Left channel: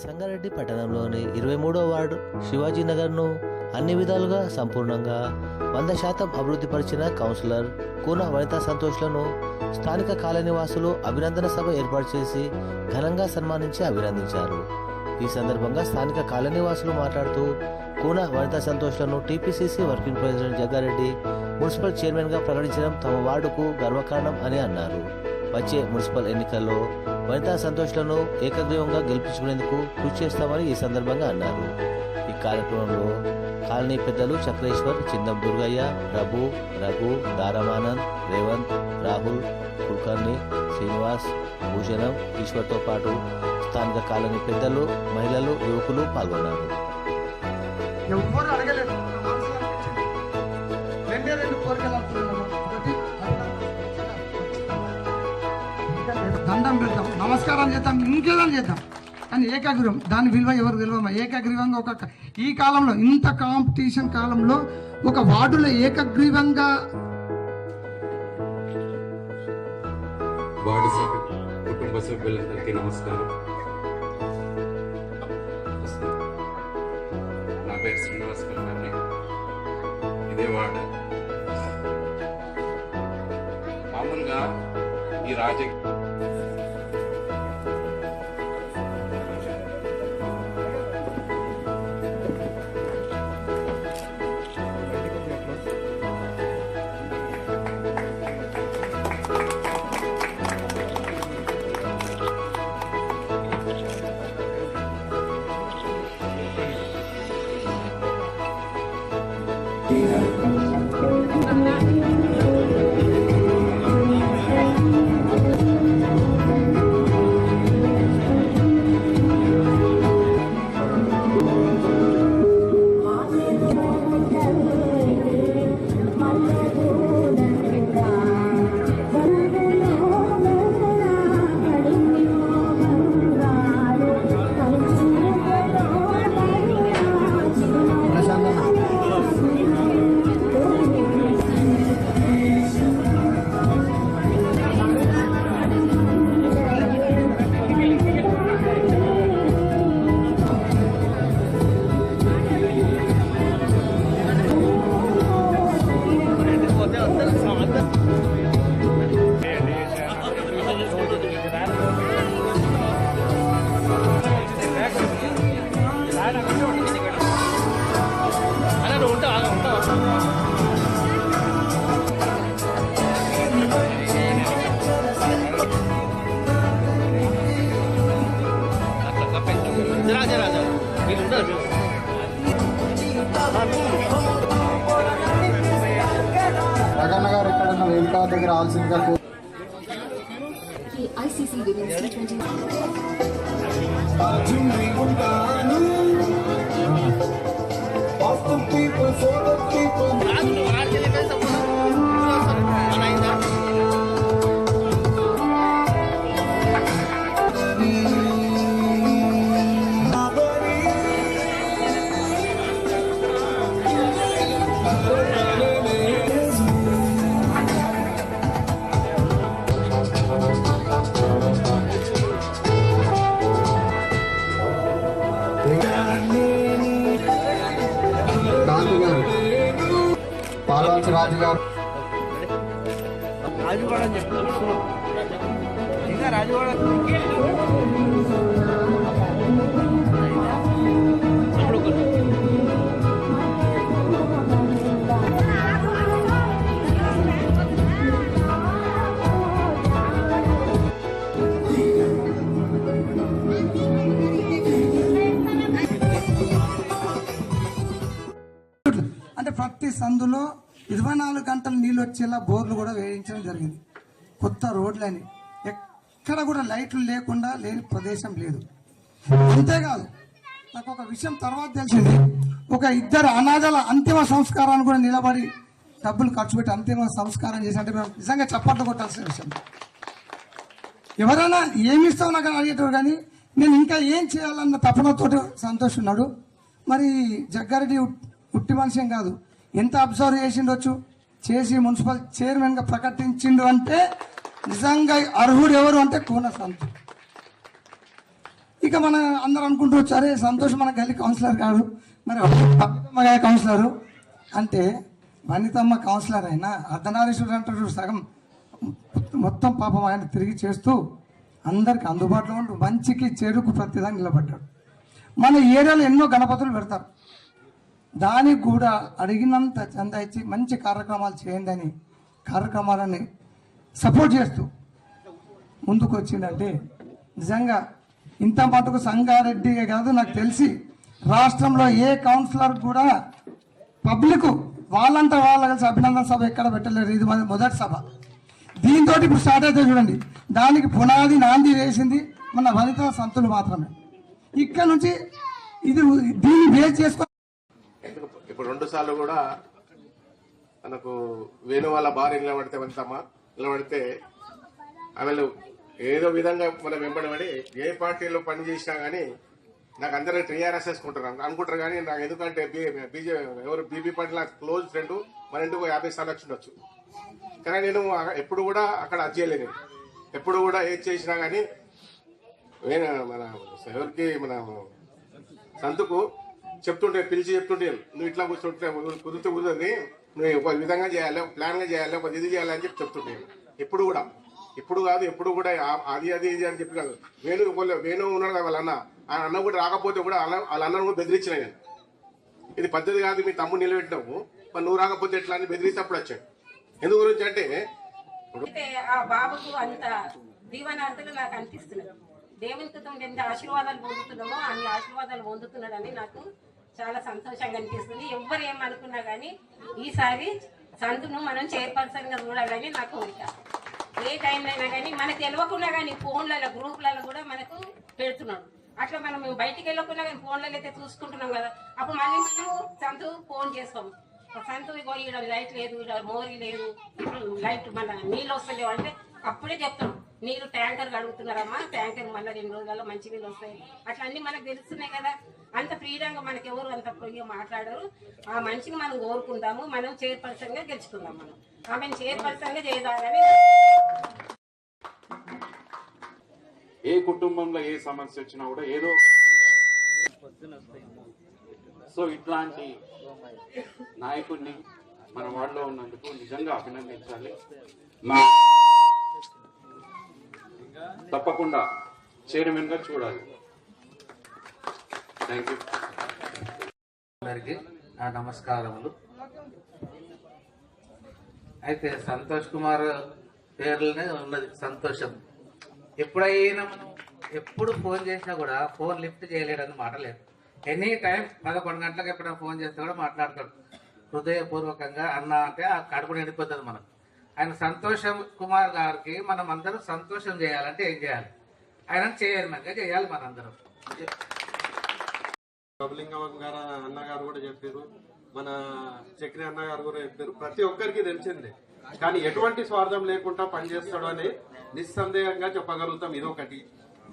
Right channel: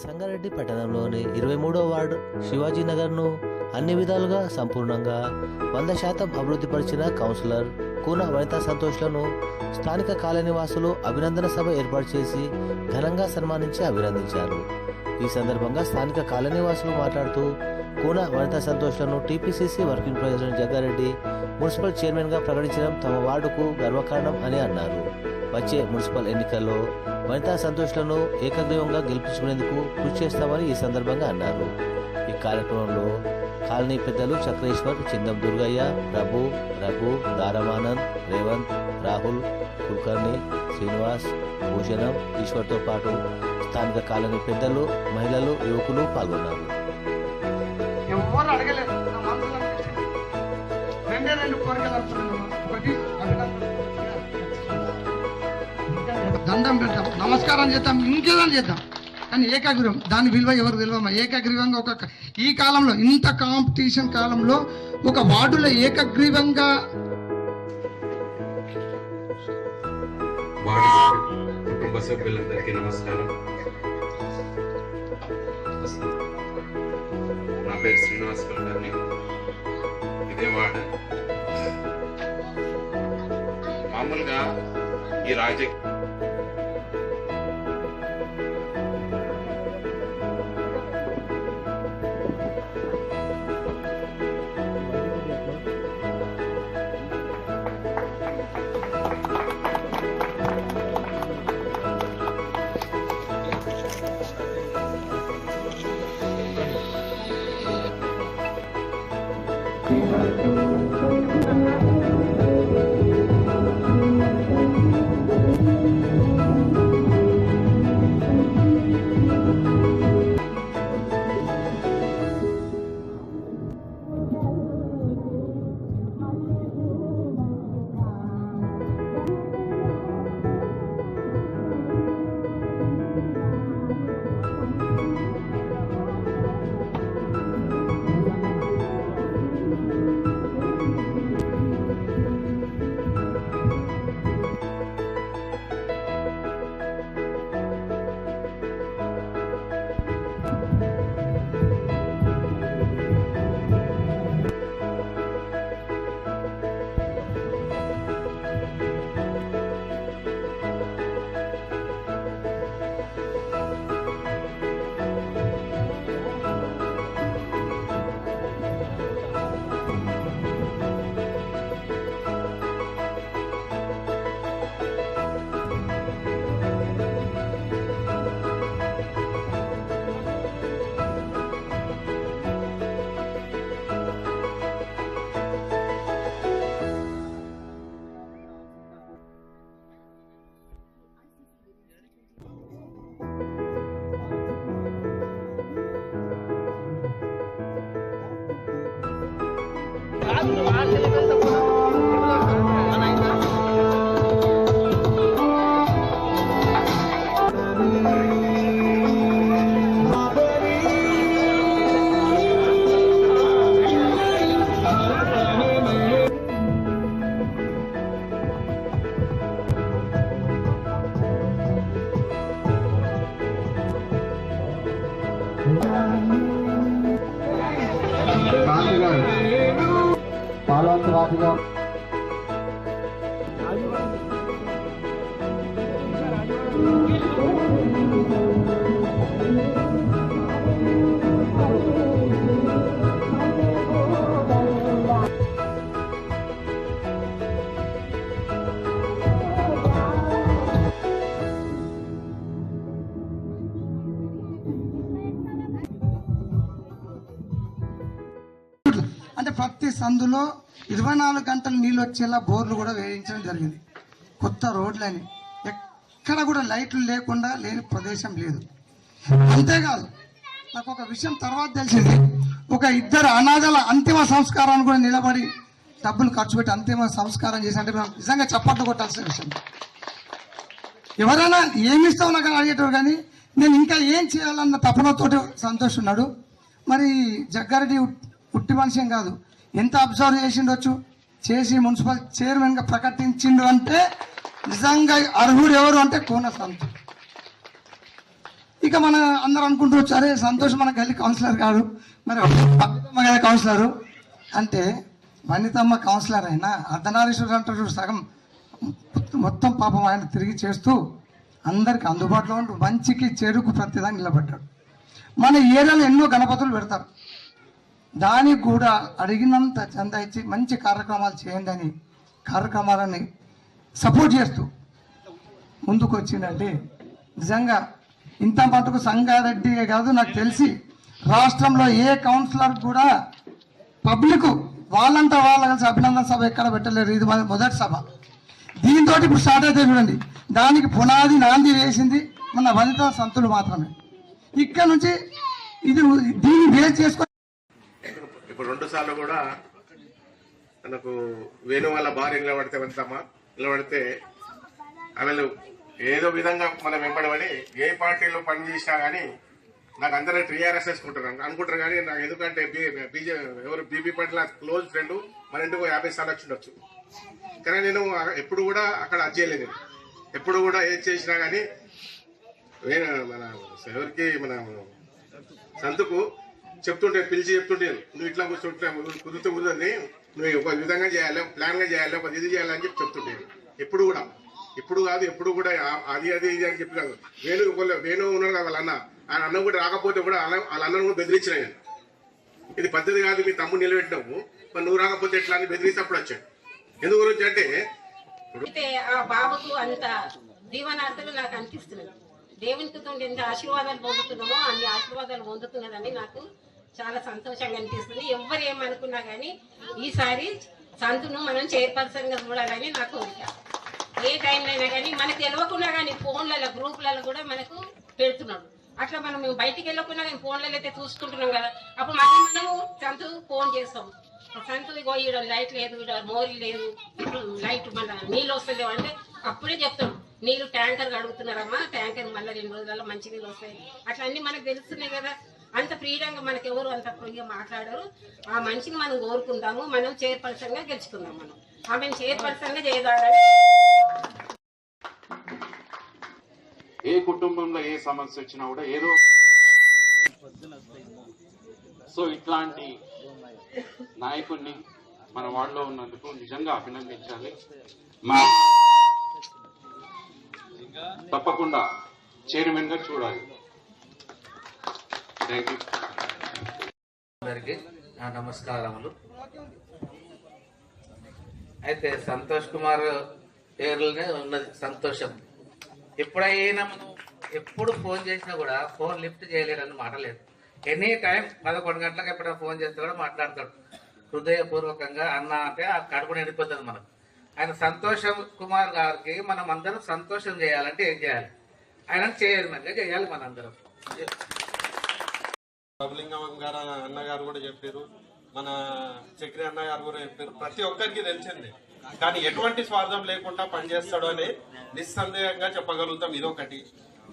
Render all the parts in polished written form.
సంగారెడ్డి పట్టణంలోని 23వ వార్డు శివాజీనగర్ను అన్ని విధాలుగా సంపూర్ణంగా 100% అభివృద్ధి పరిచిన కౌన్సిలర్ కూన వనితా సంతోష్లను స్థానిక కాలనీవాసులు అభినందన సభ ఏర్పాటు చేసి ఘనంగా సన్మానించి అభినందించారు. ఈ సందర్భంగా స్థానిక కాలనీవాసులు మాట్లాడుతూ కూన వనితా సంతోష్లను TPCC working president Jaggareddy municipal చైర్మన్గా ప్రకటించడం తమ వార్డుకు గర్వకారణం అని అన్నారు. వచ్చే మున్సిపల్ ఎన్నికల్లో వనితా సంతోష్లను ఏకగ్రీవంగా గెలిపించుకునేందుకు కృషి చేస్తామని ఈ సందర్భంగా అన్నారు. ఈ కార్యక్రమంలో కాలనీ పెద్దలు చక్రేశ్వర్, చిందం దుర్గయ్య, ప్రభు, రఘు, దారమానంద్, రేవంత్, రాహుల్, కుల్కర్ణి, శ్రీనివాస్, భూషణం, ఈశ్వర్తో పాటు స్థానిక కాలనీ పెద్దలు, మహిళలు, యువకులు పాల్గొన్నారు. ఎవరు అడగలేదు, రెండు కోరికలు అనుకున్నాము. ఒకటి దండం పెడతాం, నమస్కారం చేద్దాం, ఇంకేదని చేద్దాం, కానీ ఏకాగ్రీవం దాని విలువ ఎవరు తెలియమా. ఏకాగ్రీవంగా ఈ కాలంలో ఇంత కాంపిటీషన్ కాలంలో ఒక వార్డులో ఏకగ్రీవంగా వార్డు కుటుంబ సభ్యులందరికీ నమస్కారం. నా పేరు శ్రీనివాస్ కుల్కర్ణి. ఇదే వార్డు. మామూలుగా ఈ రాజకీయ జగన్నగారు ఎక్కడన్నా వేదిక దగ్గర ఆల్సిందిగా ICC Women's T20. పాల్వంచ రాజు గారు అంటే ప్రతి సందులో 24 గంటలు నీళ్ళు వచ్చేలా బోర్లు కూడా వేయించడం జరిగింది. కొత్త రోడ్లని, ఎక్కడ కూడా లైట్లు లేకుండా లేని ప్రదేశం లేదు. అంతేకాదు, నాకు ఒక విషయం తర్వాత తెలిసింది. ఒక ఇద్దరు అనాథల అంతిమ సంస్కారాన్ని కూడా నిలబడి డబ్బులు ఖర్చు పెట్టి అంతిమ సంస్కారం చేసి, అంటే మేము నిజంగా చప్పట్లు కొట్టాల్సిన విషయం. ఎవరైనా ఏమి ఇస్తావు నాకు అడిగేటవారు, కానీ నేను ఇంకా ఏం చేయాలన్న తపనతో సంతోష్ ఉన్నాడు. మరి జగ్గారెడ్డి ఉట్టి మనిషి కాదు, ఎంత అబ్జర్వ్ చేసిండొచ్చు, చేసి మున్సిపల్ చైర్మన్గా ప్రకటించిండు అంటే నిజంగా అర్హుడు ఎవరు అంటే కూన సంతోష్. ఇక మన అందరూ అనుకుంటూ సరే సంతోష్ మన గల్లీ కౌన్సిలర్ కాదు, మరి వనితమ్మ గారి కౌన్సిలరు అంటే వనితమ్మ కౌన్సిలర్ అయినా అర్ధనారీశ్వరుడు అంటారు సగం మొత్తం పాపం ఆయన తిరిగి చేస్తూ అందరికి అందుబాటులో ఉంటూ మంచికి చెడుకు ప్రతిదాన్ని నిలబడ్డాడు. మన ఏరియాలో ఎన్నో గణపతులు పెడతారు, దానికి కూడా అడిగినంత చందా ఇచ్చి మంచి కార్యక్రమాలు చేయండి అని కార్యక్రమాలని సపోర్ట్ చేస్తూ ముందుకు వచ్చిందంటే నిజంగా ఇంత మటుకు సంగారెడ్డి కాదు, నాకు తెలిసి రాష్ట్రంలో ఏ కౌన్సిలర్ కూడా పబ్లిక్ వాళ్ళంతా వాళ్ళ కలిసి అభినందన సభ ఎక్కడ పెట్టలేరు. ఇది మొదటి సభ. దీంతో ఇప్పుడు స్టార్ట్ అయితే చూడండి, దానికి పునాది నాంది వేసింది మన వనితా సంతులు మాత్రమే. ఇక్కడ నుంచి ఇది దీన్ని బేస్ చేసుకొని ఇప్పుడు 2 సార్లు కూడా మనకు వేణు వాళ్ళ భార్య నిలబడితే వనితమ్మ నిలబడితే ఆమెలు ఏదో విధంగా మనం వెంబడమని ఏ పార్టీలో పనిచేసినా కానీ నాకు అందరూ టీఆర్ఎస్ అనుకుంటారు కానీ నాకు ఎందుకంటే ఎవరు బీపీ పార్టీ క్లోజ్ ఫ్రెండ్ మన ఇంటికి 50 సార్లు వచ్చి ఉండొచ్చు. కానీ నేను ఎప్పుడు కూడా అక్కడ అజ్జేయలేదు. ఎప్పుడు కూడా ఏది చేసినా కానీ మన ఎవరికి మన సంతుకు చెప్తుంటే పిలిచి చెప్తుంటే నువ్వు ఇట్లా కూర్చుంటే కుదురుతుంది, నువ్వు ఒక విధంగా చేయాలి, ప్లాన్గా చేయాలి, ఒక ఇది చేయాలని చెప్పి చెప్తుంటే ఎప్పుడు కూడా ఇప్పుడు కాదు ఎప్పుడు కూడా అది ఇది అని చెప్పి కాదు. వేణు ఉన్నాడు కదా వాళ్ళ ఆయన అన్న కూడా రాకపోతే కూడా వాళ్ళ అన్నను కూడా బెదిరించిన నేను. ఇది పద్ధతి కాదు, మీ తమ్ముడు నిలబెట్టినావు, మరి నువ్వు రాకపోతే ఎట్లా అని బెదిరిస్తే అప్పుడు వచ్చాడు. ఎందు గురించి అంటే ఆ బాబుకు అంత దీవనార్థులు నాకు అనిపిస్తున్నది. దేవునికి ఎంత ఆశీర్వాదాలు పొందుతున్నామో అన్ని ఆశీర్వాదాలు పొందుతున్నదని నాకు చాలా సంతోషంగా అనిపిస్తుంది. ఎవరు ఏమనుకున్నా కానీ ఈసారి సంతును మనం చైర్పర్సన్ గా చూడాలని నా కోరిక. ఏ టైంలో అయినా కానీ మనకు తెలియకున్నా కానీ ఫోన్లలో గ్రూప్లలో కూడా మనకు పెడుతున్నాడు. అట్లా మేము బయటికి వెళ్ళకున్నా కానీ ఫోన్లలో అయితే చూసుకుంటున్నాం కదా, అప్పుడు మళ్ళీ మనము సంతు ఫోన్ చేస్తాము, సంతు ఇగో ఈడ లైట్ లేదు, ఈడ మోరీ లేదు, లైట్ మన నీళ్ళు వస్తలేవు అంటే అప్పుడే చెప్తాం, నీళ్ళు ట్యాంకర్ అడుగుతున్నారమ్మా, ట్యాంకర్ మళ్ళీ 2 రోజులలో మంచి నీళ్ళు వస్తాయి. అట్లా అన్ని మనకు తెలుస్తున్నాయి కదా. అంత ఫ్రీడంగా మనకి ఎవరు అంత ఫ్రీగా మాట్లాడరు. ఆ మనిషిని మనం కోరుకుందాము, మనం చైర్పర్సన్ గా గెలుచుకుందాం. మనం ఆమెను చైర్పర్సన్ గా చేయగలని. ఏ కుటుంబంలో ఏ సమస్య వచ్చినా కూడా ఏదో సో ఇట్లాంటి నాయకుడిని మన వార్డులో ఉన్నందుకు నిజంగా అభినందించాలి. మా తప్పకుండా చైర్మన్ గా చూడాలి. Thank you. అందరికీ నా నమస్కారములు. అయితే సంతోష్ కుమార్ పేర్లోనే ఉన్నది సంతోషం. ఎప్పుడైనా మనం ఎప్పుడు ఫోన్ చేసినా కూడా ఫోన్ లిఫ్ట్ చేయలేడని మాట లేదు. ఎనీ టైం 11 గంటలకు ఎప్పుడైనా ఫోన్ చేస్తే కూడా మాట్లాడతాడు. హృదయపూర్వకంగా అన్న అంటే ఆ కడుపు నిండిపోతుంది మనం. ఆయన సంతోషం కుమార్ గారికి మనం అందరం సంతోషం చేయాలంటే ఏం చేయాలి? ఆయన చేయమంగా చేయాలి మనందరం. బబలింగం గారు అన్నగారు కూడా చెప్పారు, మన చక్రి అన్నగారు కూడా చెప్పారు. ప్రతి ఒక్కరికి తెలిసిందే, కానీ ఎటువంటి స్వార్థం లేకుండా పనిచేస్తాడు అని నిస్సందేహంగా చెప్పగలుగుతాం. ఇదొకటి.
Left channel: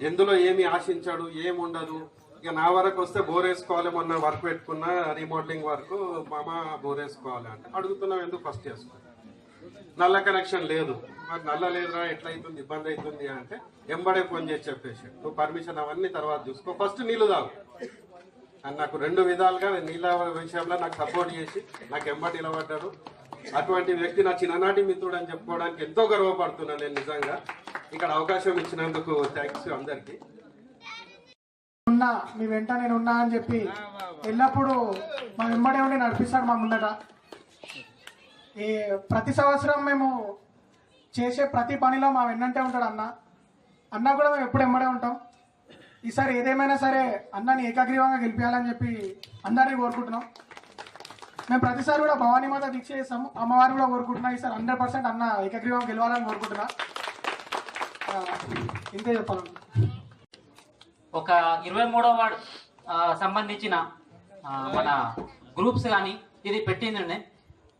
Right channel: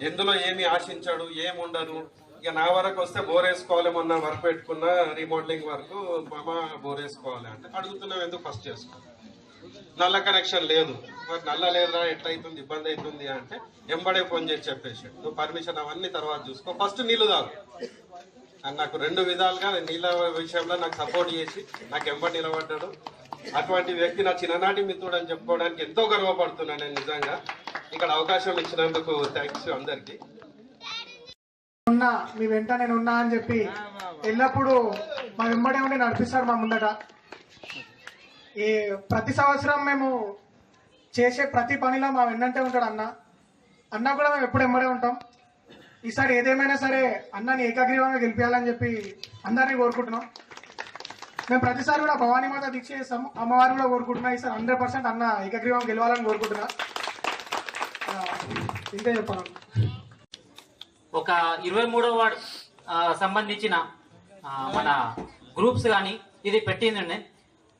ఎందులో ఏమి ఆశించాడు, ఏముండదు. ఇక నా వరకు వస్తే బోర్ వేసుకోవాలి, మొన్న వర్క్ పెట్టుకున్న రీమోడలింగ్ వర్క్, మామ బోర్ వేసుకోవాలి అంటే అడుగుతున్నాం, ఎందుకు ఫస్ట్ చేసుకో. నల్ల కనెక్షన్ లేదు, మరి నల్ల లేదురా ఎట్లయితుంది, ఇబ్బంది అవుతుంది అంటే ఎంబడే ఫోన్ చేసి చెప్పేసి, నువ్వు పర్మిషన్ అవన్నీ తర్వాత చూసుకో, ఫస్ట్ నీళ్ళు తాగు అని నాకు 2 విధాలుగా నీళ్ళ విషయంలో నాకు సపోర్ట్ చేసి నాకు ఎంబడి నిలబడ్డాడు. అటువంటి వ్యక్తి నా చిన్ననాటి మిత్రుడు అని చెప్పుకోవడానికి ఎంతో గర్వపడుతున్నాను నేను. నిజంగా ఇక్కడ అవకాశం ఇచ్చినందుకు థ్యాంక్స్ అందరికీ. ఉన్నా మీ వెంట నేను ఉన్నా అని చెప్పి ఎల్లప్పుడూ మా వెంబడే ఉండి నడిపిస్తాడు మా ముందట. ఈ ప్రతి సంవత్సరం మేము చేసే ప్రతి పనిలో మా వెన్నంటే ఉంటాడు అన్న. అన్న కూడా మేము ఎప్పుడు వెంబడే ఉంటాం. ఈసారి ఏదేమైనా సరే అన్నని ఏకగ్రీవంగా గెలిపించాలని చెప్పి అందరినీ కోరుకుంటున్నాం. మేము ప్రతిసారి కూడా భవానీ మాత దీక్ష చేస్తాము, అమ్మవారు కూడా కోరుకుంటున్నా. ఈసారి 100% అన్న ఏకగ్రీవంగా గెలవాలని కోరుకుంటున్నా. ఇంతే చెప్పాలి. ఒక 23వ వార్డు సంబంధించిన మన గ్రూప్స్ కానీ ఇది పెట్టిందండి.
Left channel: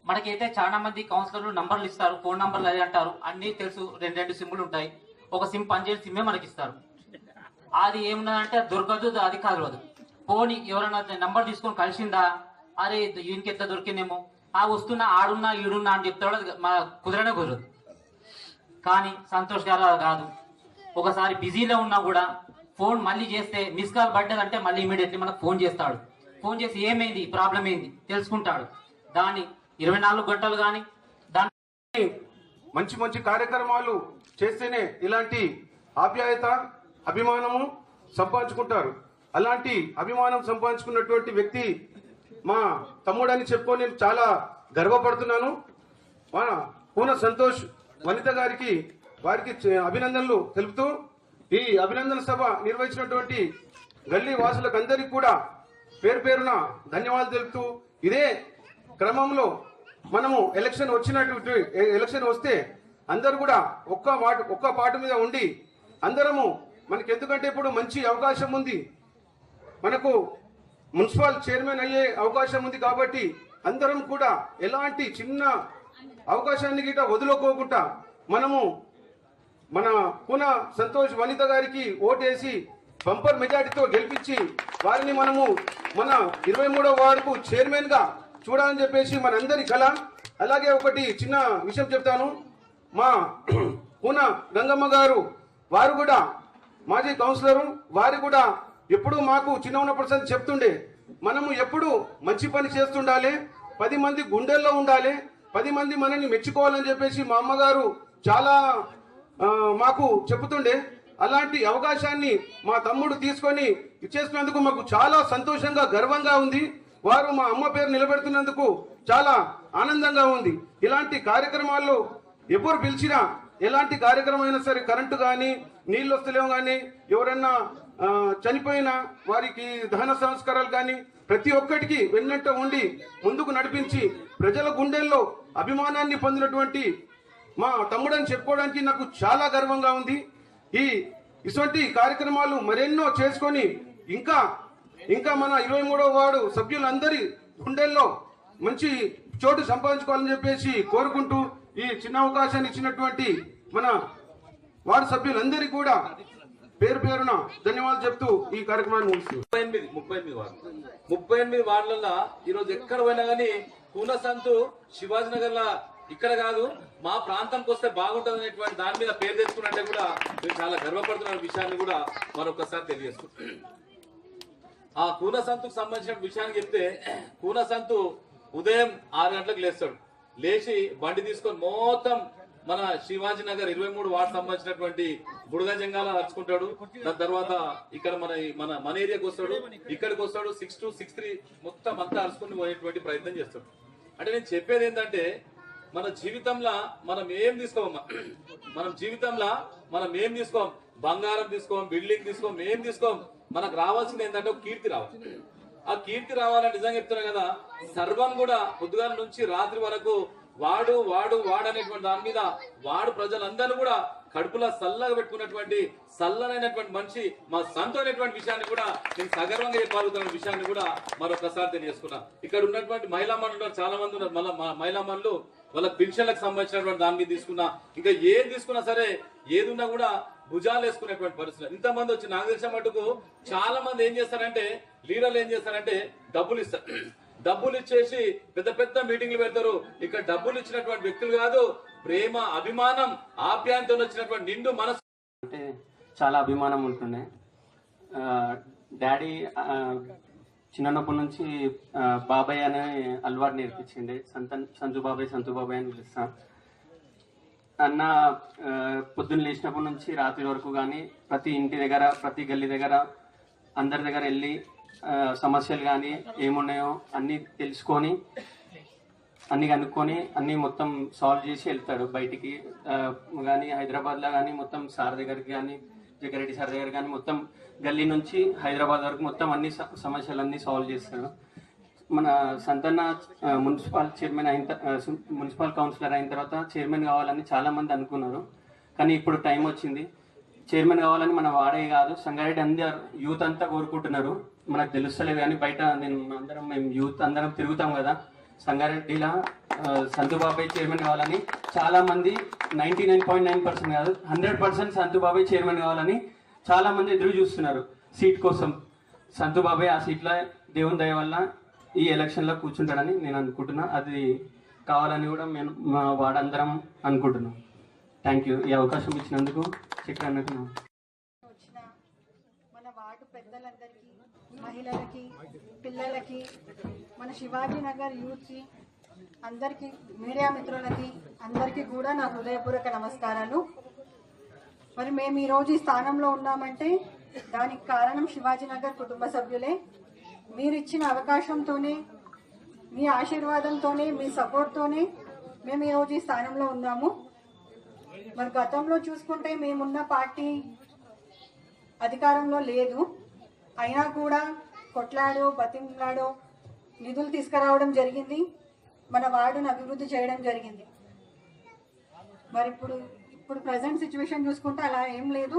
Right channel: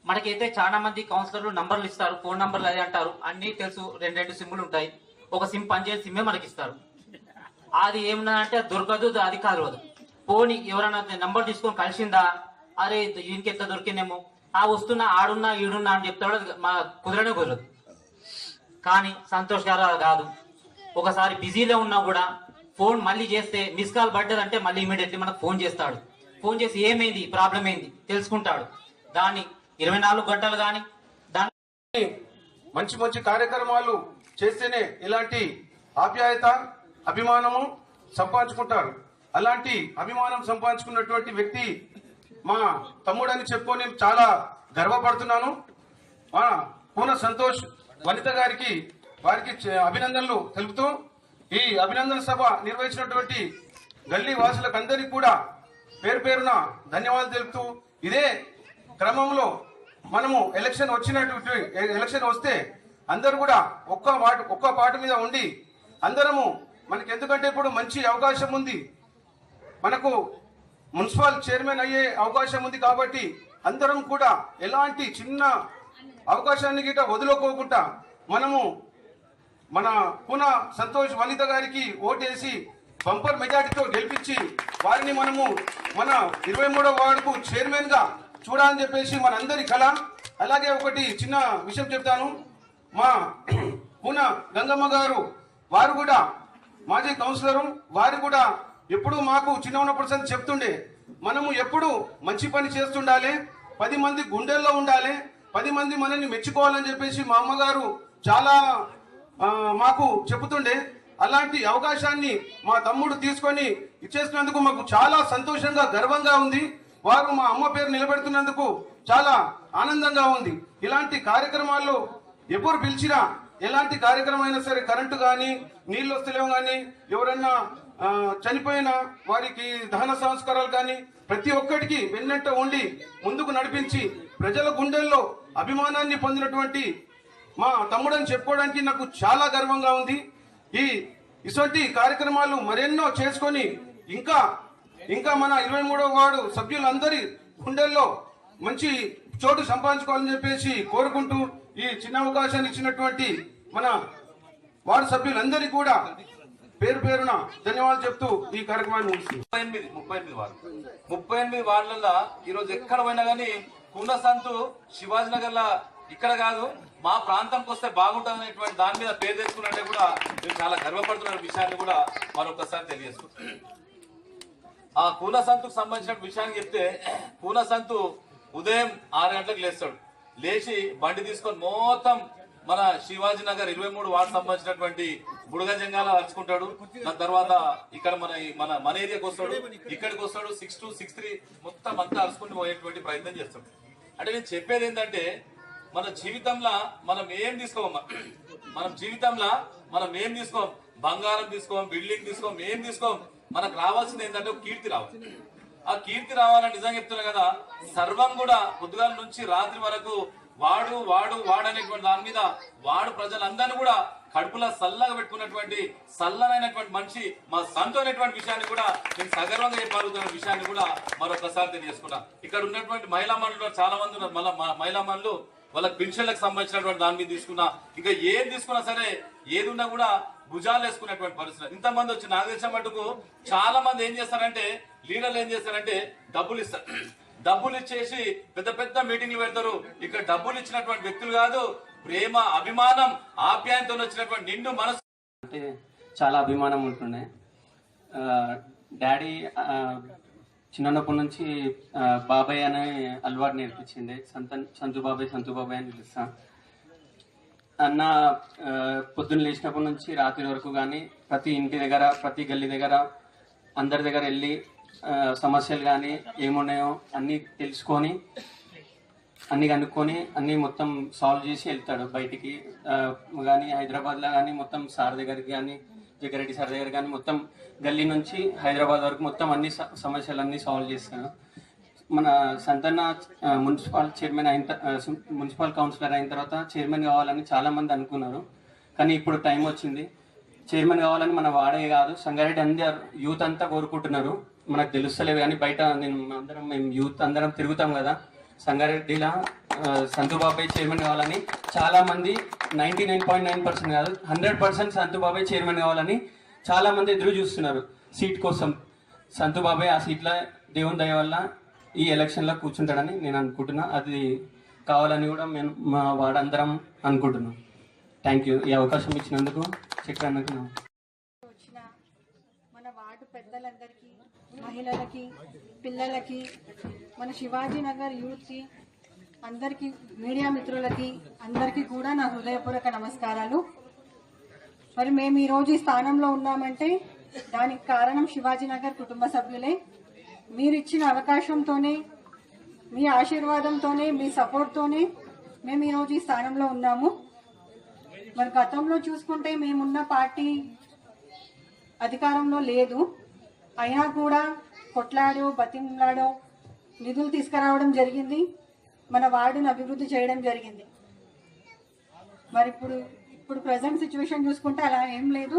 మనకైతే చాలా మంది కౌన్సిలర్లు నంబర్లు ఇస్తారు, ఫోన్ నంబర్లు అది అంటారు, అన్నీ తెలుసు. 2 సిమ్లు ఉంటాయి, ఒక సిమ్ పనిచేసే సిమ్మే మనకి ఇస్తారు. అది ఏమన్నా అంటే దొరకదు, అది కలవదు. పోనీ ఎవరైనా నంబర్ తీసుకొని కలిసిందా, అరే ఈయనకి ఎంత దొరికిందేమో, వస్తున్నా ఆడున్నా ఈడున్నా అని చెప్తాడు, మా కుదరనే కుదరదు. కానీ సంతోష్ గారు కాదు, ఒకసారి బిజీలో ఉన్నా కూడా ఫోన్ మళ్ళీ చేస్తే మిస్ కాల్ పడ్డదంటే మళ్ళీ ఇమీడియట్లీ మనకు ఫోన్ చేస్తాడు. ఫోన్ చేసి ఏమైంది, ప్రాబ్లం ఏంది తెలుసుకుంటాడు. దాన్ని 24 గంటలు కానీ మంచి మంచి కార్యక్రమాలు చేస్తేనే ఇలాంటి ఆప్యాయత, అభిమానము సంపాదించుకుంటారు. అలాంటి అభిమానం సంపాదించుకున్నటువంటి వ్యక్తి మా తమ్ముడని చెప్పుకొని నేను చాలా గర్వపడుతున్నాను. మా పూన సంతోష్ వనిత వారికి అభినందనలు తెలుపుతూ, ఈ అభినందన సభ నిర్వహించినటువంటి గల్లీ వాసులకు అందరికీ కూడా పేరు పేరున ధన్యవాదాలు తెలుపుతూ, ఇదే క్రమంలో మనము ఎలక్షన్ వస్తే అందరూ కూడా ఒక్క పాట మీద ఉండి అందరము, మనకి ఎందుకంటే ఇప్పుడు మంచి అవకాశం ఉంది, మనకు మున్సిపల్ చైర్మన్ అయ్యే అవకాశం ఉంది కాబట్టి అందరం కూడా ఎలాంటి చిన్న అవకాశాన్ని గిట్ట వదులుకోకుండా మనము మన పూన సంతోష్ వనిత గారికి ఓటేసి బంపర్ మెజార్టీతో గెలిపించి వారిని మనము మన 23వ వార్డుకు చైర్మన్ గా చూడాలని చెప్పేసి మనందరి కళ. అలాగే ఒకటి చిన్న విషయం చెప్తాను. మా పూన గంగమ్మ గారు వారు కూడా మాజీ కౌన్సిలరు, వారు కూడా ఎప్పుడు మాకు చిన్న ఉన్నప్పుడు చెప్తుండే, మనము ఎప్పుడు మంచి పని చేస్తుండాలి, 10 మంది గుండెల్లో ఉండాలి, 10 మంది మనల్ని మెచ్చుకోవాలని చెప్పేసి మా అమ్మగారు చాలా మాకు చెబుతుండే. అలాంటి అవకాశాన్ని మా తమ్ముడు తీసుకొని ఇచ్చేసినందుకు మాకు చాలా సంతోషంగా, గర్వంగా ఉంది. వారు మా అమ్మ పేరు నిలబెడుతున్నందుకు చాలా ఆనందంగా ఉంది. ఇలాంటి కార్యక్రమాల్లో ఎప్పుడు పిలిచినా, ఎలాంటి కార్యక్రమం అయినా సరే, కరెంటు కానీ, నీళ్ళు వస్తలేవు కానీ, ఎవరన్నా చనిపోయినా వారికి దహన సంస్కారాలు కానీ ప్రతి ఒక్కటికి వెన్నంట ఉండి ముందుకు నడిపించి ప్రజల గుండెల్లో అభిమానాన్ని పొందినటువంటి మా తమ్ముడని చెప్పుకోవడానికి నాకు చాలా గర్వంగా ఉంది. ఇటువంటి కార్యక్రమాలు మరెన్నో చేసుకొని ఇంకా మన 23వ వార్డు సభ్యులందరి గుండెల్లో మంచి చోటు సంపాదించుకోవాలని చెప్పేసి కోరుకుంటూ, ఈ చిన్న అవకాశాన్ని ఇచ్చినటువంటి మన వార్డు సభ్యులందరికీ కూడా పేరు పేరున ధన్యవాదాలు చెప్తూ ఈ కార్యక్రమాన్ని ముగిస్తుంది. 38 వార్డులలో ఈరోజు ఎక్కడ పోయినా కానీ కూనసంతు శివాజీ నగర్ లా ఇక్కడ కాదు, మా ప్రాంతంకి వస్తే బాగుంటుంది అనేటువంటి దాని మీద పేరు తెచ్చుకున్నట్టే కూడా మేము చాలా గర్వపడుతున్న విషయాన్ని కూడా మరొకసారి తెలియజేసుకుంటాం. ఆ కూనసంతుకు సంబంధించిన విషయాన్ని చెప్తే, కూనసంతు ఉదయం 6 గంటలకు లేస్తాడు. లేచి బండి తీసుకొని మొత్తం మన శివాజీ నగర్ 23 వార్డు సంబంధించినటువంటి బుడగజంగాల అరుచుకుంటాడు. దాని తర్వాత ఇక్కడ మన ఏరియాకి వస్తాడు, ఇక్కడికి వస్తాడు. 6 to 6 మొత్తం అంతా అరుచుకుని పోయేటువంటి ప్రయత్నం చేస్తాడు. అంటే నేను చెప్పేది ఏంటంటే, మన జీవితంలో మనం ఏం తీసుకోమా, మనం ఏం తీసుకోం, బంగారం తీసుకోం, బిల్డింగ్ తీసుకోం, ఏం తీసుకోం. మనకు రావాల్సింది ఏంటంటే ఒక కీర్తి రావాలి. ఆ కీర్తి రావాలని నిజంగా చెప్తున్నా కదా, సర్వం కూడా పొద్దుగాల నుంచి రాత్రి వరకు వాడు అనేటువంటి దాని మీద వాడు ప్రజలందరినీ కూడా కడుపులో సల్లగా పెట్టుకున్నటువంటి సల్లనైనటువంటి మనిషి మా సంతు అనేటువంటి విషయాన్ని కూడా నేను సగర్వంగా చెప్పగలుగుతున్న విషయాన్ని కూడా మరొకసారి తెలియజేసుకున్నా. ఇక్కడ ఉన్నటువంటి మహిళా మనులు చాలా మంది ఉన్నారు. మళ్ళీ మహిళా మనులు వాళ్ళ పెన్షన్లకు సంబంధించినటువంటి దాని మీద తీసుకున్నా, ఇంకా ఏది తీసుకున్నా సరే, ఏది ఉన్నా కూడా భుజాలు వేసుకునేటువంటి పరిస్థితి. ఇంతమంది వచ్చి నాకు తెలిసిన మటుకు చాలా మంది ఏం చేస్తారంటే, లీడర్లు ఏం చేస్తారంటే డబ్బులు ఇస్తారు. డబ్బులు ఇచ్చేసి పెద్ద పెద్ద మీటింగ్లు పెడతారు. ఇక్కడ డబ్బులు ఇచ్చినటువంటి వ్యక్తులు కాదు, ప్రేమ, అభిమానం, ఆప్యాయంతో వచ్చినటువంటి నిండు మనసు అంటే చాలా అభిమానం ఉంటుండే. డాడీ చిన్నప్పటి నుంచి బాబాయ్ అనే అలవాటు నేర్పించిండే. సంతు బాబాయ్ అని పిలుస్తా. అన్న పొద్దున్న లేచినప్పటి నుంచి రాత్రి వరకు కానీ ప్రతి ఇంటి దగ్గర, ప్రతి గల్లీ దగ్గర, అందరి దగ్గర వెళ్ళి సమస్యలు కానీ ఏమున్నాయో అన్నీ తెలుసుకొని, అన్నీ కనుక్కొని అన్నీ మొత్తం సాల్వ్ చేసి వెళ్తాడు బయటికి. కానీ హైదరాబాద్లో కానీ మొత్తం సార్ దగ్గరికి కానీ, జగ్గారెడ్డి సార్ దగ్గర కానీ మొత్తం గల్లీ నుంచి హైదరాబాద్ వరకు మొత్తం అన్ని సమస్యలన్నీ సాల్వ్ చేస్తాడు. మన సంతన్న మున్సిపల్ కౌన్సిలర్ అయిన తర్వాత చైర్మన్ కావాలని చాలామంది అనుకున్నారు. కానీ ఇప్పుడు టైం వచ్చింది. చైర్మన్ కావాలని మన వాడే కాదు, సంగారెడ్డి అందరు యూత్ అంతా కోరుకుంటున్నారు. మనకు తెలుస్తలేదు కానీ బయట మేము యూత్ అందరం తిరుగుతాం కదా, సంగారెడ్డిలో సంతుబాబాయ్ చైర్మన్ కావాలని చాలామంది 99.9% కాదు 100% సంతుబాబాయ్ చైర్మన్ కావాలని చాలామంది ఎదురు చూస్తున్నారు సీట్ కోసం. సంతుబాబాయ్ ఆ సీట్లో దేవుని దయ వల్ల ఈ ఎలక్షన్లో కూర్చుంటాడని నేను అనుకుంటున్నా. అది కావాలని కూడా మేము మా వాడందరం అనుకుంటున్నాం. Thank you. ఈ అవకాశం ఇచ్చినందుకు చక్రన్నకు. వచ్చిన మహిళలకి, పిల్లలకి, మన శివాజీ నగర్ యూత్కి, అందరికీ, మీడియా మిత్రులకి అందరికీ కూడా నా హృదయపూర్వక నమస్కారాలు. మరి మేము ఈరోజు ఈ స్థానంలో ఉన్నామంటే దానికి కారణం శివాజీ నగర్ కుటుంబ సభ్యులే. మీరు ఇచ్చిన అవకాశంతోనే, మీ ఆశీర్వాదంతోనే, మీ సపోర్ట్తోనే మేము ఈరోజు ఈ స్థానంలో ఉన్నాము. మరి గతంలో చూసుకుంటే మేమున్న పార్టీ అధికారంలో లేదు, అయినా కూడా కొట్లాడో బతిమలాడో నిధులు తీసుకురావడం జరిగింది, మన వార్డును అభివృద్ధి చేయడం జరిగింది. మరి ఇప్పుడు ప్రజెంట్ సిచ్యువేషన్ చూసుకుంటే అలా ఏం లేదు.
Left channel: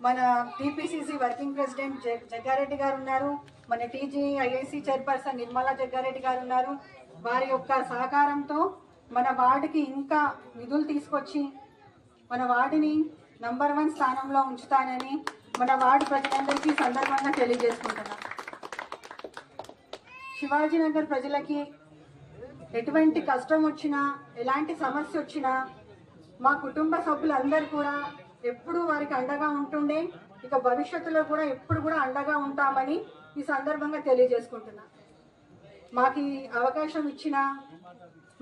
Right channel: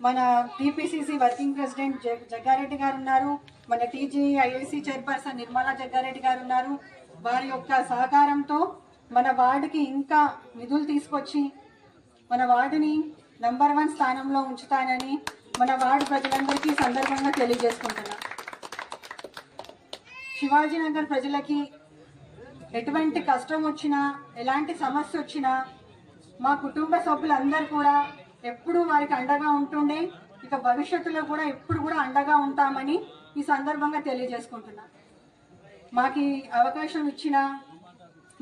మన టీపీసీసీ వర్కింగ్ ప్రెసిడెంట్ జగ్గారెడ్డి గారు ఉన్నారు, మన టీజీఐఐసి చైర్పర్సన్ నిర్మలా జగ్గారెడ్డి గారు ఉన్నారు. వారి యొక్క సహకారంతో మన వార్డుకి ఇంకా నిధులు తీసుకొచ్చి మన వార్డుని నంబర్ 1 స్థానంలో ఉంచుతానని మన వార్డు ప్రజలందరికీ సందర్భంగా తెలియజేసుకుంటున్నా. శివాజీనగర్ ప్రజలకి ఎటువంటి కష్టం వచ్చినా, ఎలాంటి సమస్య వచ్చినా మా కుటుంబ సభ్యులందరూ కూడా ఎప్పుడు వారికి అండగా ఉంటుండే, ఇక భవిష్యత్తులో కూడా ఎప్పుడు కూడా అండగా ఉంటామని ఈ సందర్భంగా తెలియజేసుకుంటున్నా. మాకు ఈ అవకాశం ఇచ్చిన,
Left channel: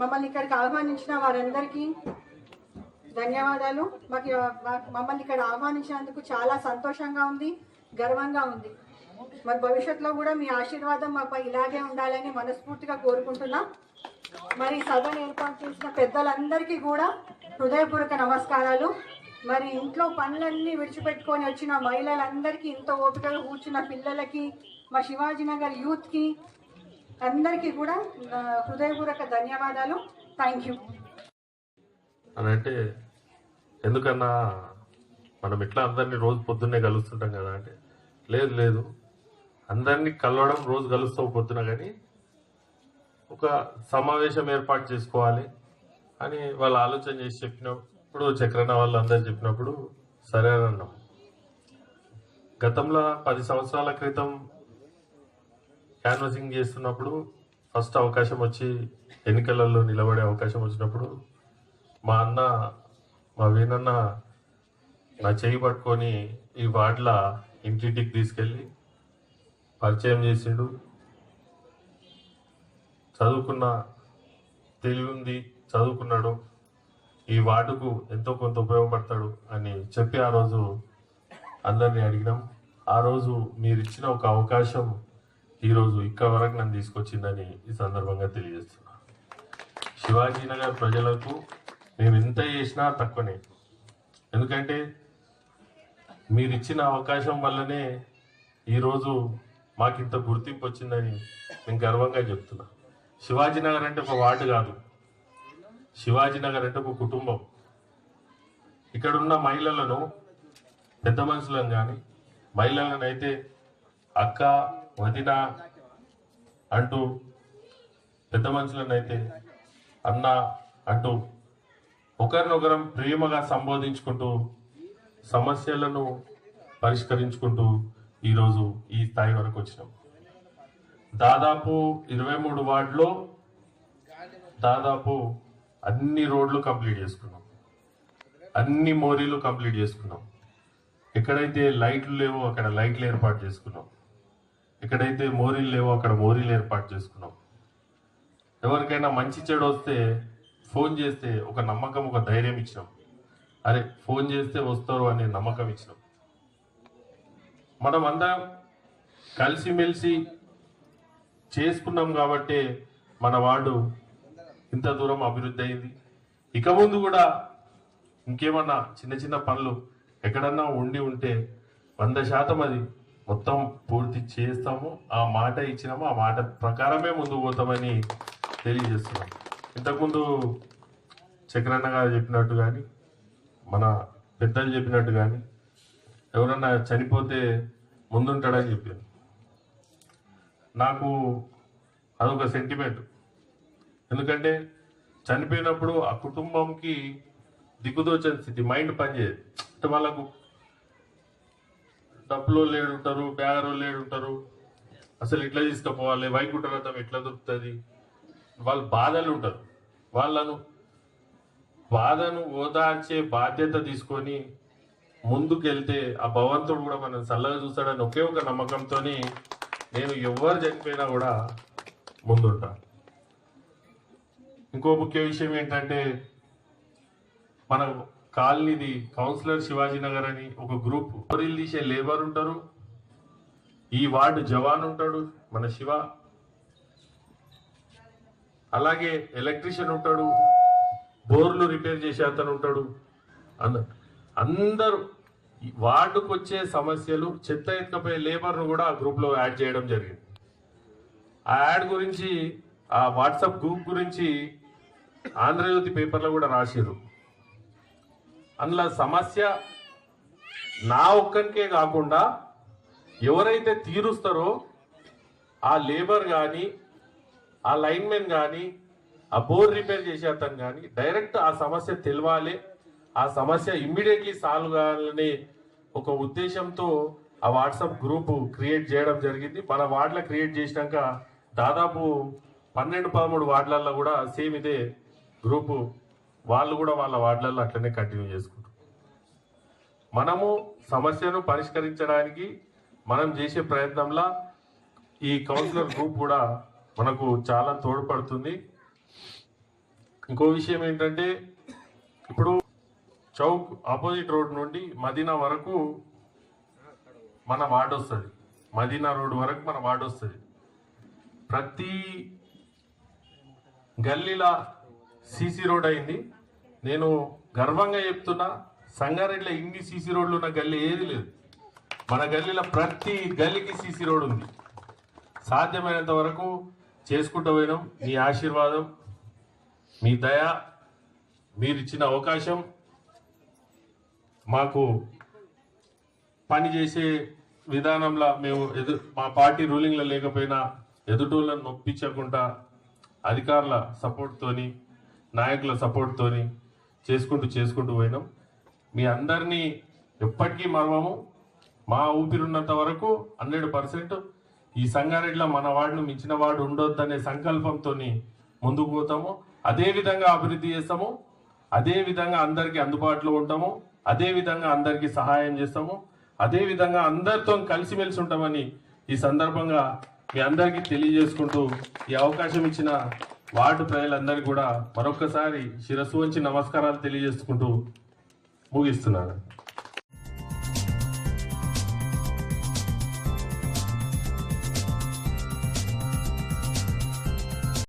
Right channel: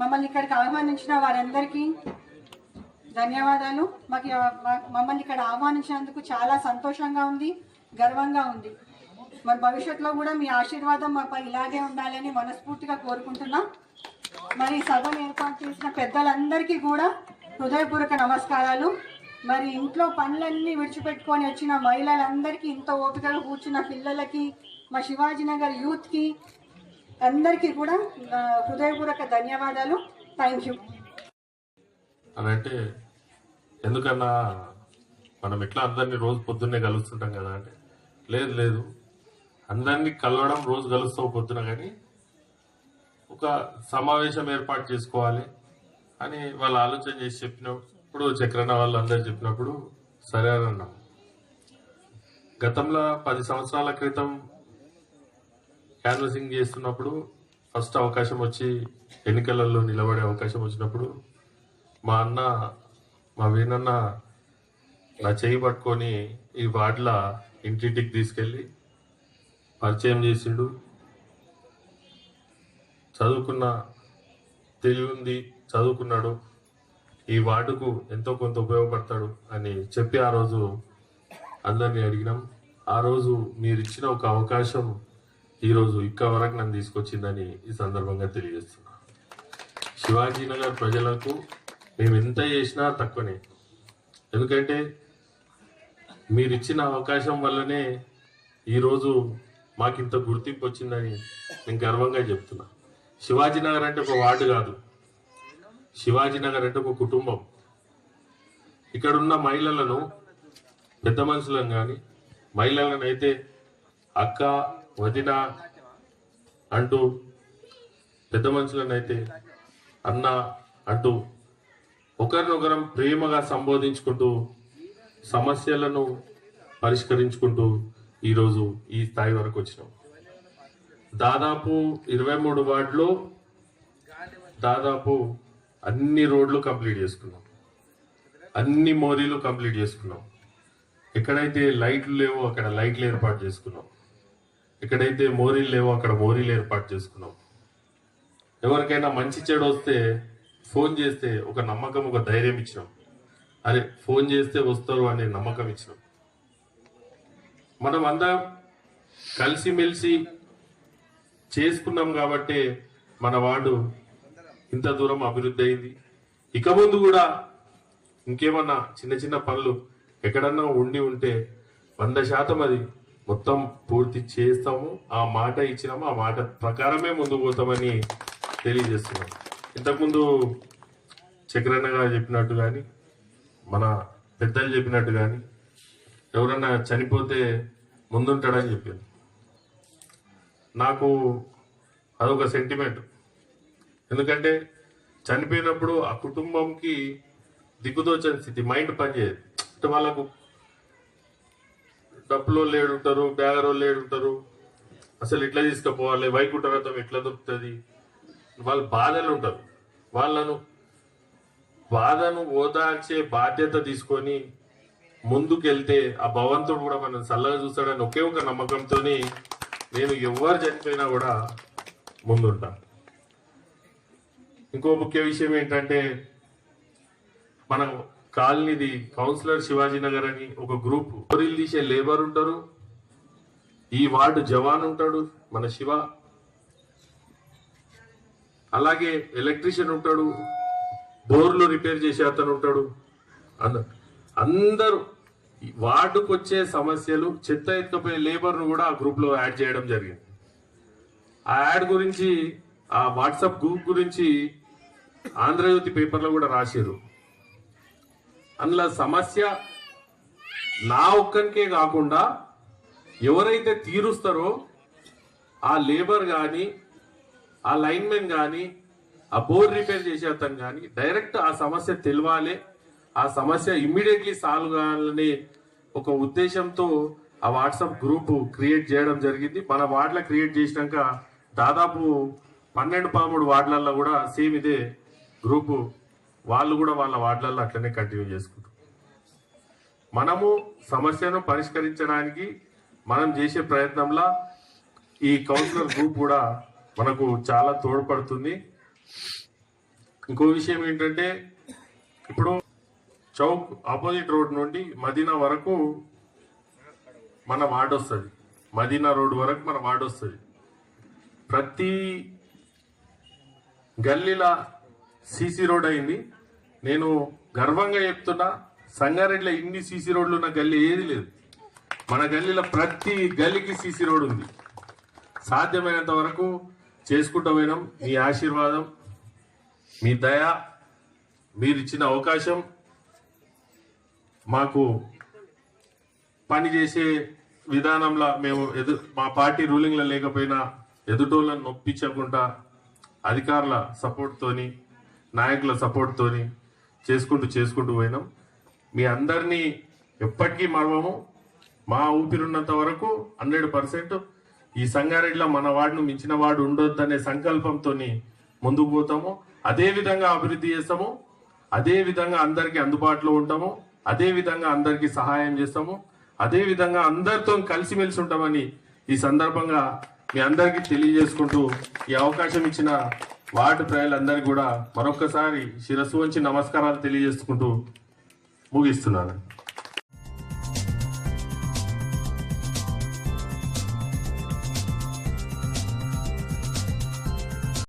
మమ్మల్ని ఇక్కడికి ఆహ్వానించిన వారందరికీ ధన్యవాదాలు. మమ్మల్ని ఇక్కడ ఆహ్వానించినందుకు చాలా సంతోషంగా ఉంది, గర్వంగా ఉంది. మరి భవిష్యత్తులో కూడా మీ ఆశీర్వాదం మాపై ఇలాగే ఉండాలని మనస్ఫూర్తిగా కోరుకుంటున్నాం. మరి సభను ఏర్పాటు చేసిన పెద్దలందరికీ కూడా హృదయపూర్వక నమస్కారాలు. మరి ఇంట్లో పనులన్నీ విడిచిపెట్టుకొని వచ్చిన మహిళలందరికీ, ఇంత ఓపికగా కూర్చున్న పిల్లలకి, మా శివాజీనగర్ యూత్కి అందరికీ కూడా హృదయపూర్వక ధన్యవాదాలు. Thank you. అంటే ఎందుకన్నా మనం ఇట్లా అందరినీ రోజు పొద్దున్నే కలుస్తుంటాం కదా అంటే, లేదు అందరినీ కలవడం రోజు కలుస్తావు పొద్దున, కానీ ఒక సమావేశం ఏర్పాటు చేసుకోవాలి అని వాళ్ళు ఆలోచన చేసి చెప్పినప్పుడు, చక్రన్న వాళ్ళు అందరు చెప్పినప్పుడు సరే అని అన్నాం. గతంలో 10 సంవత్సరాల క్రితం క్యాన్వసింగ్ చేస్తున్నప్పుడు ఫస్ట్ అవకాశం వచ్చి ఎన్నికలలో నిలబడే అవకాశం వచ్చినప్పుడు మా వీణన్న నా చేయి పట్టుకొని ఈ వార్డుల ఇంటింటికి తీసుకెళ్ళి పరిచయం చేసిండు. తెలివి చదువుకున్నాడు, ఈ వార్డుకు ఎంతో కొంత ఉపయోగపడతాడు అని చెప్పి ఆ రోజు అందరినీ అడిగినాం. ఆ రోజు మీరు ఇచ్చిన ఒక అవకాశం ఈరోజు ఇక్కడ వరకు నన్ను తీసుకొచ్చిందని ఈ సందర్భంగా తెలియజేస్తున్నా. శివాజీనగర్ ప్రజలకు మేము ఎంత చేసినా తక్కువనే, ఎందుకంటే మీరు ఇచ్చిన అవకాశం వల్లనే ఈరోజు మాకు ఇంత గుర్తింపు వచ్చిందని నేను గర్వంగా చెప్తున్నా. శివాజీనగర్ అంటే ఒక వార్డు కాదు, శివాజీనగర్ అంటే ఒక కుటుంబం. ఇక్కడున్న మహిళలను, పెద్ద మనుషులను కానీ మహిళలను అయితే అక్క, వదిన అంటూ, పెద్ద మనుషులను అయితే అన్న అంటూ ఒకరినొకరం ప్రేమగా సంబోధించుకుంటూ సమస్యలను పరిష్కరించుకుంటూ ఈరోజు ఈ స్థాయి వరకు వచ్చినాం. దాదాపు 23 వార్డులో దాదాపు అన్ని రోడ్లు కంప్లీట్ చేసుకున్నాం, అన్ని మోరీలు కంప్లీట్ చేసుకున్నాం. ఎక్కడైతే లైట్లు లేవో అక్కడ లైట్లు ఏర్పాటు చేసుకున్నాం, ఎక్కడైతే మోరీలు లేవో అక్కడ మోరీలు ఏర్పాటు చేసుకున్నాం. ఎవరికైనా మంచి చెడు వస్తే ఫోన్ చేస్తే ఒక నమ్మకం, ఒక ధైర్యం ఇచ్చినాం. అరే ఫోన్ చేస్తే వస్తారు అనే నమ్మకం ఇచ్చినాం. మనం అందరం కలిసిమెలిసి చేసుకున్నాం కాబట్టి మన వార్డు ఇంత దూరం అభివృద్ధి అయింది. ఇక ముందు కూడా ఇంకేమన్నా చిన్న చిన్న పనులు ఎక్కడన్నా ఉంటే 100% అది మొత్తం పూర్తి చేస్తాము. ఆ మాట ఇచ్చినాము, ఆ మాట ప్రకారమే ముందుకు పోతామని తెలియజేస్తున్నాం. ఇంతకుముందు చక్రన్న గారు చెప్పినట్టు కానీ, మన పెద్దలు చెప్పినట్టు కానీ, ఎవరన్నా చనిపోతే ముందుంటాడని చెప్పాను. నాకు అదొక సెంటిమెంట్. ఎందుకంటే చనిపోయినప్పుడు ఆ కుటుంబంకి దిక్కుదోచని స్థితి, మైండ్ పనిచేయదు. అంటే వాళ్ళకు డబ్బులో లేడుంటారు, బ్యాగరో లేడుంటారు, అసలు ఎట్లా తీసుకుపోవాలి, వైకుంఠ రథం ఎట్లా దొరుకుతుంది, వాళ్ళ బాధలు ఉంటారు. వాళ్ళను బాధను ఓదార్చే బాధ్యత తీసుకొని ముందుకెళ్తే ఆ భగవంతుడు కూడా మనం చల్లగా చూస్తాడని ఒకే ఒక నమ్మకంతో నేను ఎవరు చనిపోయినా కూడా ముందుంటా. ఇంకో ముఖ్య విషయం ఏంటంటే మన కాలనీది కౌన్సిలర్ శివాజీ నగర్ అని ఒక గ్రూప్ బోరీలు తీసే లేబర్ ఉంటారు, ఈ వార్డు జవాన్ ఉంటాడు మన శివ, అలాగే ఎలక్ట్రీషియన్ ఉంటాడు, బోర్లు రిపేర్ చేసే అతను ఉంటాడు. అందరూ వార్డుకు వచ్చే సమస్యలు చెత్త ఎత్తుకపోయే లేబర్ను కూడా ఆ గ్రూప్లో యాడ్ చేయడం జరిగింది. ఆ యాడ్ గురించి ఆ వాట్సాప్ గ్రూప్ గురించి ఆంధ్రజ్యోతి పేపర్లో కూడా రాశారు. అందులో సమస్య నా ఒక్కరికే కాకుండా ఎవరైతే తీరుస్తారో ఆ లేబర్ కానీ ఆ లైన్మెన్ కానీ ఆ బోర్ రిపేర్ చేసే అతను కానీ డైరెక్ట్ ఆ సమస్య తెలవాలి, ఆ సమస్య ఇమ్మీడియట్లీ సాల్వ్ కావాలనే ఒక ఉద్దేశంతో ఆ వాట్సాప్ గ్రూప్ క్రియేట్ చేయడం జరిగింది. మన వార్డులో క్రియేట్ చేసినాక దాదాపు 12-13 వార్డులలో కూడా సేమ్ ఇదే గ్రూపు వాళ్ళు కూడా వాళ్ళ వార్డులలో అట్లనే కంటిన్యూ చేసుకుంటారు. మనము సమస్యను పరిష్కరించడానికి మనం చేసే ప్రయత్నంలో ఈ కౌన్సిలర్ గ్రూప్ కూడా మనకు చాలా తోడ్పడుతుంది. ఇంకో విషయం ఏంటంటే ఇప్పుడు చౌక్ ఆపోజిట్ రోడ్ నుండి మదీనా వరకు మన వార్డు వస్తుంది, మదీనా రోడ్ వరకు మన వార్డు వస్తుంది. ప్రతి గల్లీలా సీసీ రోడ్ అయింది. నేను గర్వంగా చెప్తున్నా, సంగారెడ్డిలో ఇన్ని సీసీ రోడ్లు ఉన్న గల్లీ ఏది లేదు. మన గల్లీలో ప్రతి గల్లీకి సీసీ రోడ్ ఉంది. సాధ్యమైనంత వరకు చేసుకుంటూ పోయినాం. మీ ఆశీర్వాదం, మీ దయ, మీరు ఇచ్చిన అవకాశం, మాకు పని చేసే విధానంలో మేము మా పార్టీ రూలింగ్లో లేకపోయినా ఎదుటోళ్ళని నొప్పించకుండా అధికారుల సపోర్ట్తోని నాయకుల సపోర్ట్తోని చేసుకుంటూ పోయినాం. మీ అందరినీ ఎప్పటికీ మరవము. మా ఊపిరున్నంత వరకు 100% ఈ సంగారెడ్డిలో మన వార్డును మించిన వార్డు ఉండొద్దనే సంకల్పంతో ముందుకు పోతాము. అదే విధంగా అభివృద్ధి చేస్తాము, అదే విధంగా అందరికీ అందుబాటులో ఉంటాము, అదే విధంగా అందరికీ సహాయం చేస్తాము, అదే విధంగా అందరితో కలిసిమెలిసి ఉంటామని ఈ సందర్భంగా మీ అందరికీ తెలియజేసుకుంటూ ఈ అవకాశం ఇచ్చిన వార్డు ప్రజలందరికీ కూడా మరొక్కసారి శిరస్సు వంచి నమస్కారాలు తెలియజేసుకుంటూ ముగిస్తున్నాను.